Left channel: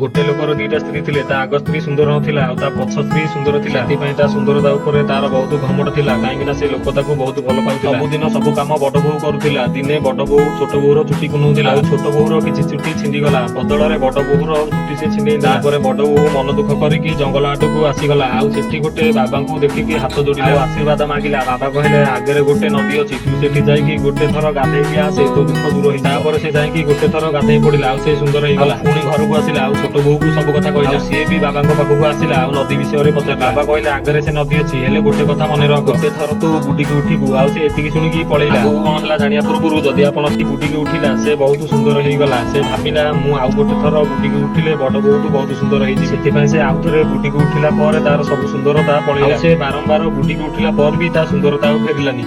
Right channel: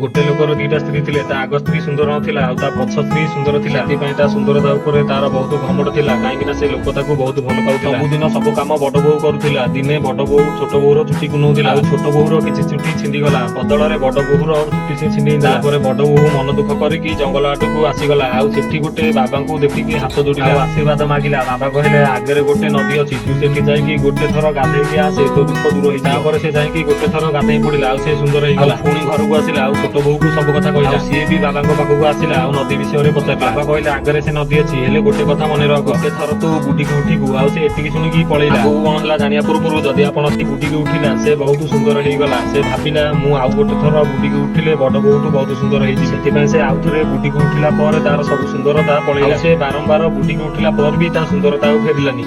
गोटे लोकर दीटा स्त्री थिले ता आग स्त्री सुंदर नथिला आ ता पछ स्त्री सुंदर थिला एथि ता सुंदरता ऊपर तार बहुत घमट थिला काहेकि ना से लोक ताको बहुत भलो पाउथिला सब दिन सब काम बड़ बोहू करूथिला दिने बड़ बोहू छोट बोहूर चुटी को नउथिला आ छोट बोहूर किछि चुटी छिंडी गला बदल रे बड़ बोहूर चुटी से छिंडी देला पर बड़ बोहू मन दुख करिकि जंगल आडू को आसी गला आ सेठी गोटे बाबा को देखिकि हाथ जोड़िला आशीर्वाद मागिला बाबा कहले आगरे गोटे नदी अछि तू सेठी जाईकि गोटे थर गाधेई कि आसे तो दुख दूर होई तापर से जाईकि गोटे थर गाधेई पड़िला आ से सुंदर होई गला पुणी घर को आसिला आ छोट बोहू को सब कथा कहला से भी बाबा पाखक आसिला आ नदी विषय रे पचार बाबा कहले आगरे से नदी अछि हेले गोटे कथा मन रख गोटे थर तो बुडी के उठिबु आ से एतिकी सुनी कि पळेला को कोन हला जानिया पूर्व जदी आपण से बुडी के उठिला से बहुत सुंदर हेई गला से भाबिला मु आ गोटे थर बुडी के उठिले बड बोहूटू बहुत सुंदर हेई जी सेति पय से आउ थरे बुडी के उठिला पर तार सब सुंदरता पळेला से बारंबार बुडी के उठिला पर भी ता सुंदरता फेरिलानी।